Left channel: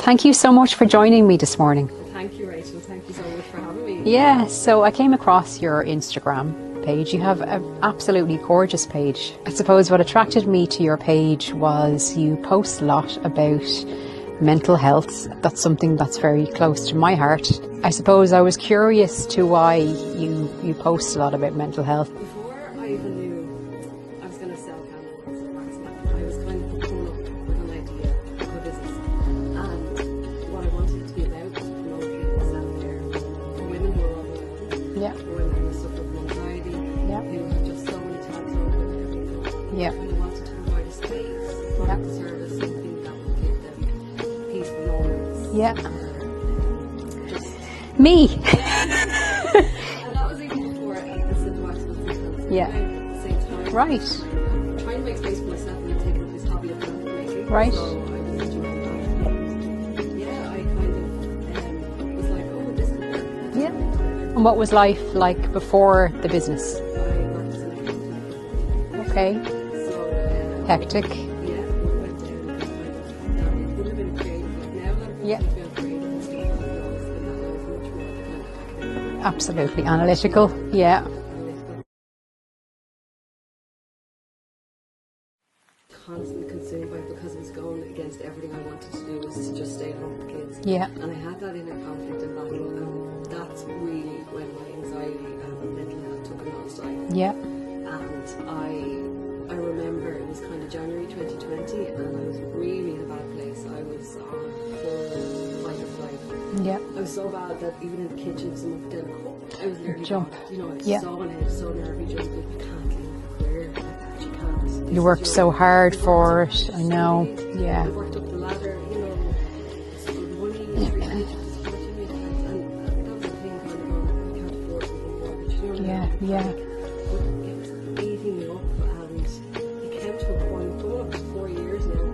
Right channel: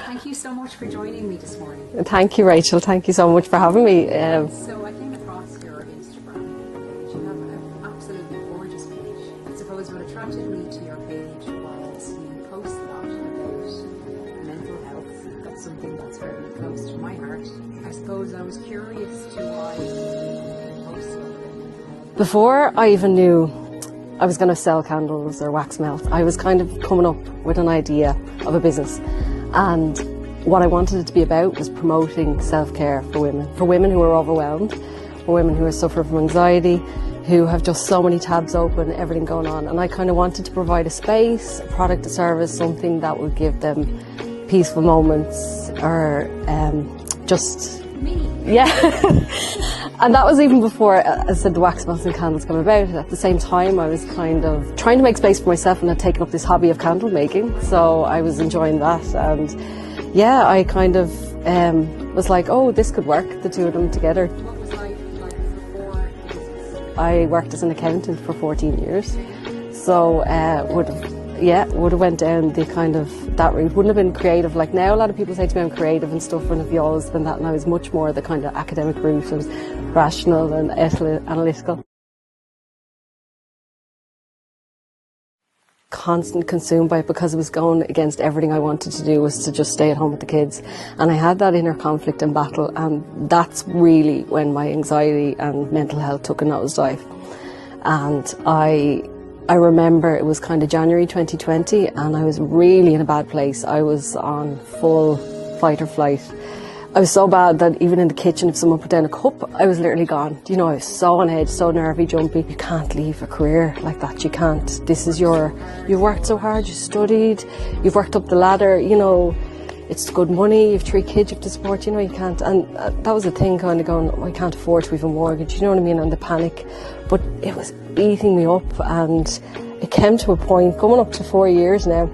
Thank you so much for joining me this morning. Thank you, Rachel. Thank you so much for having me. Yeah, so I came across your Instagram page. You have an absolutely gorgeous page. I suppose what attracted me to your page was you post a lot about mental health. That's something that's very close to my heart. I suppose I was curious to why you post a lot about mental health. Before I even knew I was going to sell candles or wax melt, I was kind of coming up with an idea of a business. And what I wanted it to be about was promoting self-care for women who are overwhelmed, for women who are suffering from anxiety, who have just so many tabs open, everything going on. And I kind of wanted to provide a space, a product, a service, something that would give them peaceful moments or just... Me! Yeah. And that was even before, as I said, the wax melts and candles came about. At the same time, I was kind of trying to make space for myself and had taken up this hobby of candle making. So I was enjoying that. And yeah, I kind of was like, oh, this could work, the two of them together. And what was life like before the business? I worked as an accountant for 14 years. Okay. So hectic. would have went down the kind of that route. Wouldn't have been creative like now. A lot of people say to me I'm creative and stuff, and if you always been that, and I was much more the kind of academic route. Absolutely. And Analytical. rational and analytical. Constant consumed by it because it was going against everything I wanted to do, was to just stay at home with the kids. And I had that inner conflict and battle, and that's really when my anxiety and mental health took a nosedive. And I remember it was kind of January 2020 and I was really in a bad place. I was on full fight or flight. I was so bad that even in the kitchen, if someone put down a cup, I was literally gone. You know, I was so on edge, so nervy, jumpy. You can't leave a career like that. You can't. You worked so hard. You worked so hard. You studied. You've worked up the ladder. You know, it's good money. You've 3 kids you have to support. You know, you can't. And that was the thing, kind of going, oh, I can't afford to have a mortgage. You know what I mean? And the panic. But it was beating me up, and it came to a point, coming up to 4 years now,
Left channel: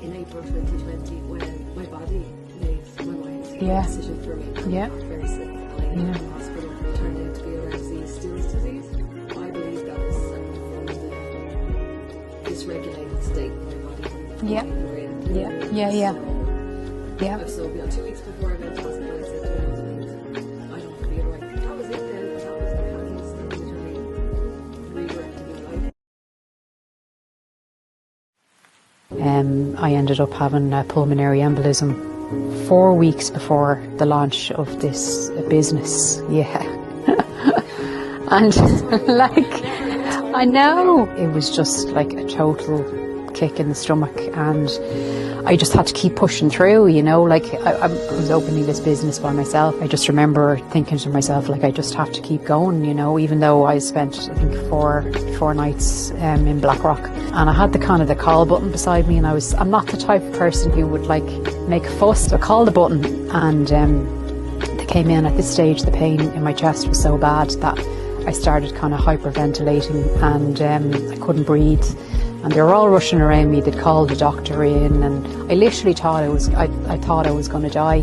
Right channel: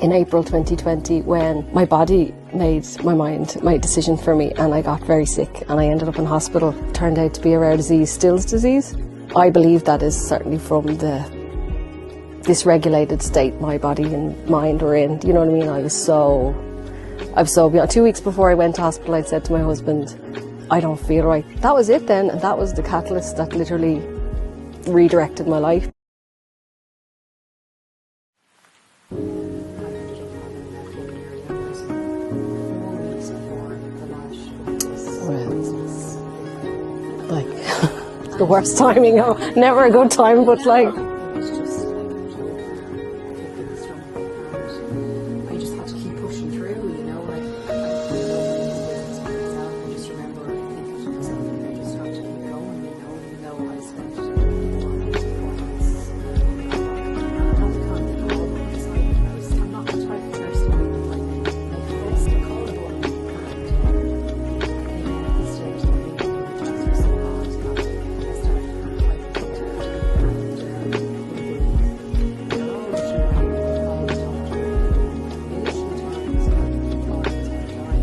in April 2020, when my body made my decision for me, and I got very sick and I ended up in hospital. It turned out to be a rare disease, Still's disease. I believe that is certainly from the dysregulated state my body and mind are in. You know what I mean? I was so beyond. 2 weeks before I went to hospital, I said to my husband, I don't feel right. That was it then, and that was the catalyst that literally redirected my life. I ended up having a pulmonary embolism 4 weeks before the launch of this business. And worst timing, never a good time. I know. It was just like a total kick in the stomach, and I just had to keep pushing through, you know, like I was opening this business by myself. I just remember thinking to myself, like, I just have to keep going, you know, even though I spent, I think, four nights in Blackrock, and I had the kind of the call button beside me, and I'm not the type of person who would like make a fuss. I called the button, and they came in. At this stage, the pain in my chest was so bad that I started kind of hyperventilating, and I couldn't breathe. And they were all rushing around me. They'd called the doctor in, and I literally thought I thought I was going to die.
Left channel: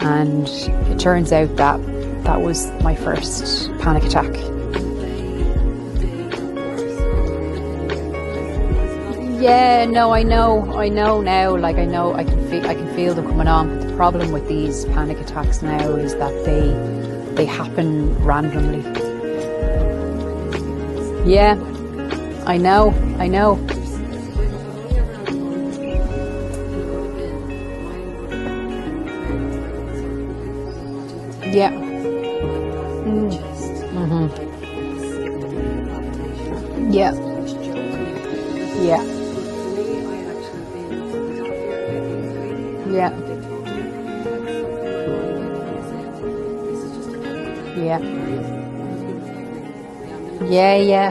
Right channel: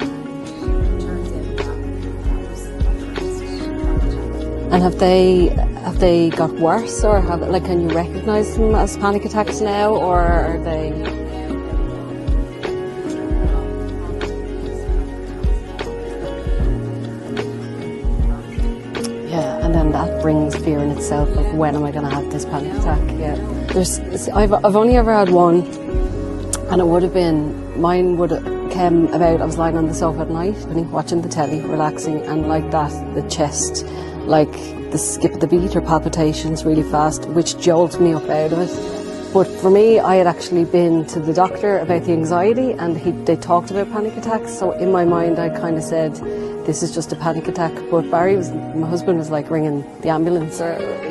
And it turns out that was my first panic attack. And have they got worse, or can you recognise them as panic attacks now? Yeah, no, I know now. Like I know, I can feel them coming on. The problem with these panic attacks now is that they happen randomly. Yeah, and then that brings fear in itself. Yeah. When am I going to have this? I know. I've only ever had one, and it would have been, mine would have came about, I was lying on the sofa at night, watching the telly, relaxing, and like that, the chest, like the skip of the beat or palpitations really fast, which jolted me up out of it. But for me, I had actually been to the doctor about the anxiety, and they talked about panic attacks, so in my mind I kind of said, this is just a panic attack. But Barry, my husband, was like ringing the ambulance. Yeah.